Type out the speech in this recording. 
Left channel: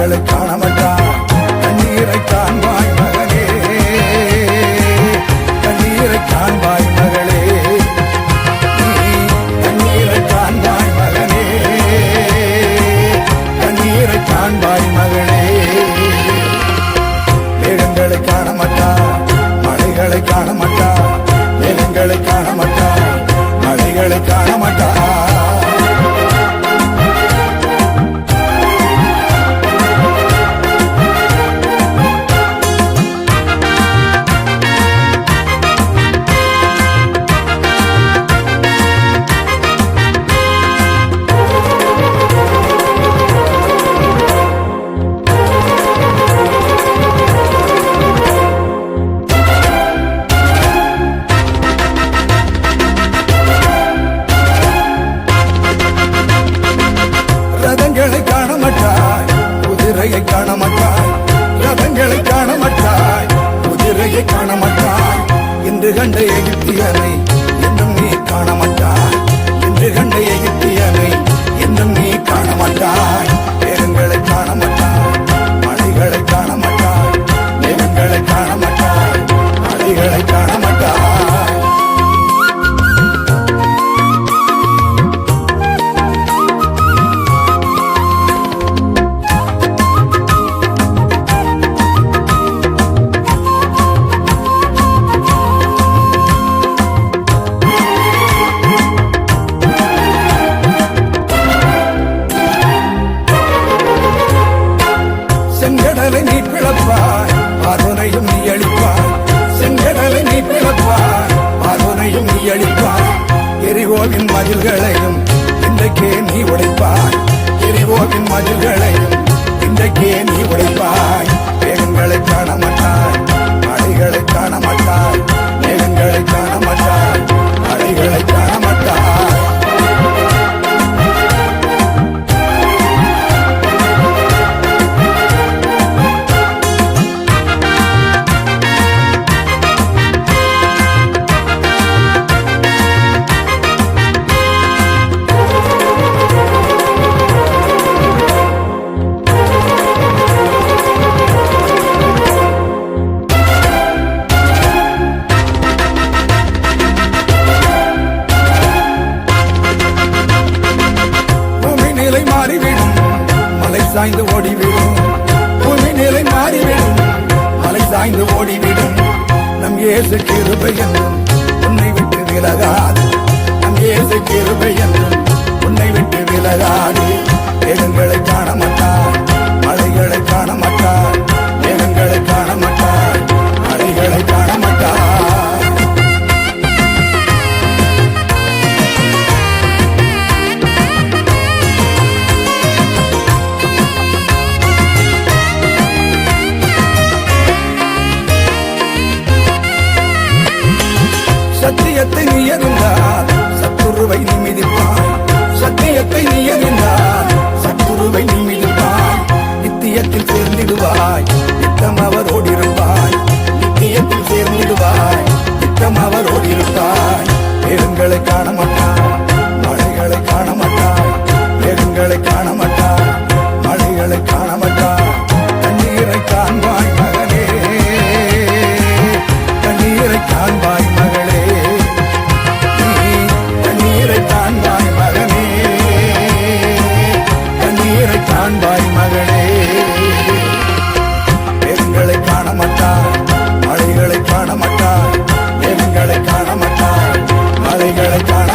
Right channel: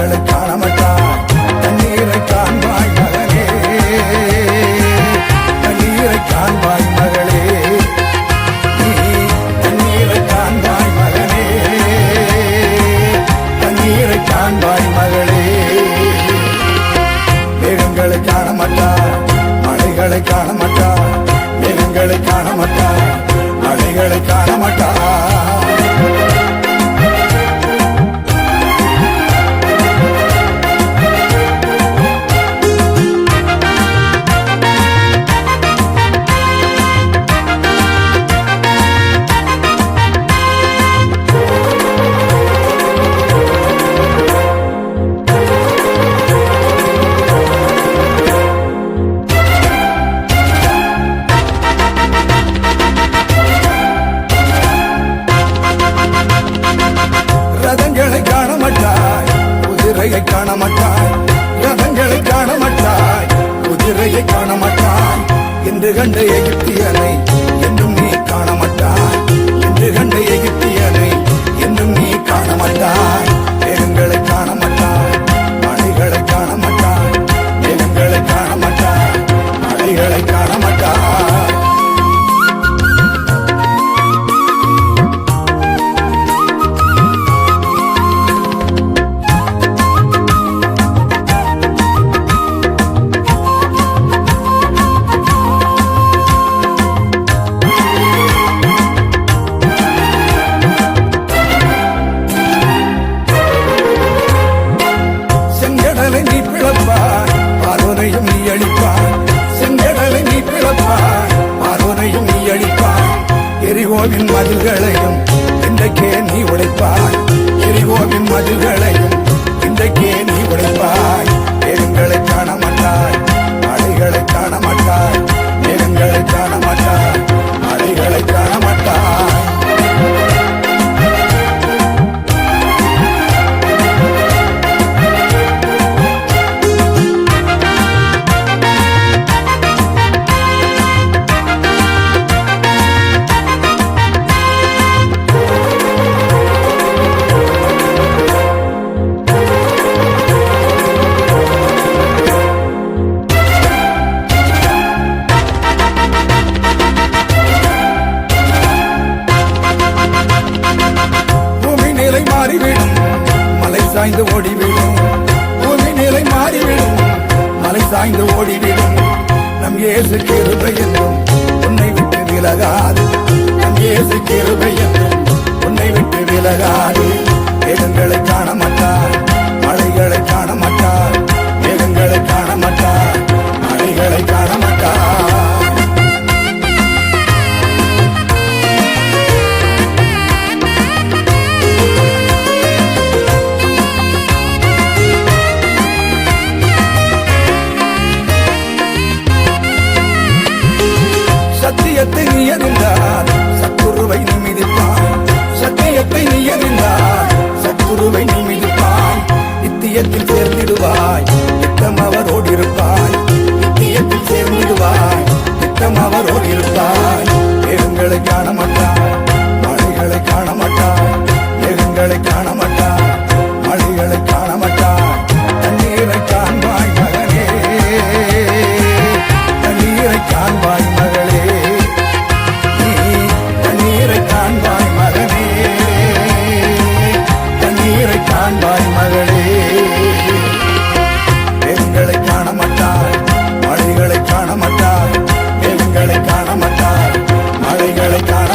மலைகளை காண மாட்டாய் கண்ணீரை காண்பாய் மகனே கண்ணீரை காண்பாய் மகளே நீ கண்ணீரை காண்பாய் மகனே கண்ணீரை காண்பாய் மகளே மேகங்களை காண மாட்டாய் மலைகளை காண மாட்டாய் மேகங்களை காண மாட்டாய் மலைகளை காண மாட்டாய் ரதங்களை காண மாட்டாய் குதிரையை காண மாட்டாய் ரதங்களை காண மாட்டாய் குதிரையை காண மாட்டாய் என்று கண்ட எகிப்தியனை என்றும் நீ காண மாட்டாய் என்று கண்ட எகிப்தியனை என்றும் நீ காண மாட்டாய் மேகங்களை காண மாட்டாய் மலைகளை காண மாட்டாய் மேகங்களை காண மாட்டாய் மலைகளை காண மாட்டாய் செங்கடலை நீ பிளப்பாய் பார்வனையும் நீ அழிப்பாய் செங்கடலை நீ பிளப்பாய் பார்வனையும் நீ அழிப்பாய் எரிகோவின் மதில்களையும் இன்றைக்கே நீ உடைப்பாய் எரிகோவின் மதில்களையும் இன்றைக்கே நீ உடைப்பாய் மேகங்களை காண மாட்டாய் மலைகளை காண மாட்டாய் மேகங்களை காண மாட்டாய் மலைகளை காண மாட்டாய் நிலை மாறிவிடும் மலை சாய்ந்து ஓடிவிடும் பூமி நிலை மாறிவிடும் மலை சாய்ந்து ஓடிவிடும் நம் இயேசு கிருபை என்றும் உன்னை விட்டு விலகாது நம் இயேசு கிருபை என்றும் உன்னை விட்டு விலகாது மேகங்களை காண மாட்டாய் மலைகளை காண மாட்டாய் மேகங்களை காண மாட்டாய் மலைகளை காண மாட்டாய் சத்தியத்தை நீ அறிந்தால் சத்துருவை நீ மிதிப்பாய் சத்தியத்தை நீ அறிந்தால் சத்துருவை நீ மிதிப்பாய் நித்தியத்தில் சேர்ந்திடுவாய் நித்தம் அவரோடு இருப்பாய் நித்தியத்தில் சேர்ந்திடுவாய் நித்தம் அவரோடு இருப்பாய் மேகங்களை காண மாட்டாய் மலைகளை காண மாட்டாய் மேகங்களை காண மாட்டாய் மலைகளை காண மாட்டாய் தண்ணீரை காண்பாய் மகனே தண்ணீரை காண்பாய் மகளே நீ தண்ணீரை காண்பாய் மகனே தண்ணீரை காண்பாய் மகளே மேகங்களை காண மாட்டாய் மலைகளை காண மாட்டாய் மேகங்களை காண மாட்டாய் மலைகளை காண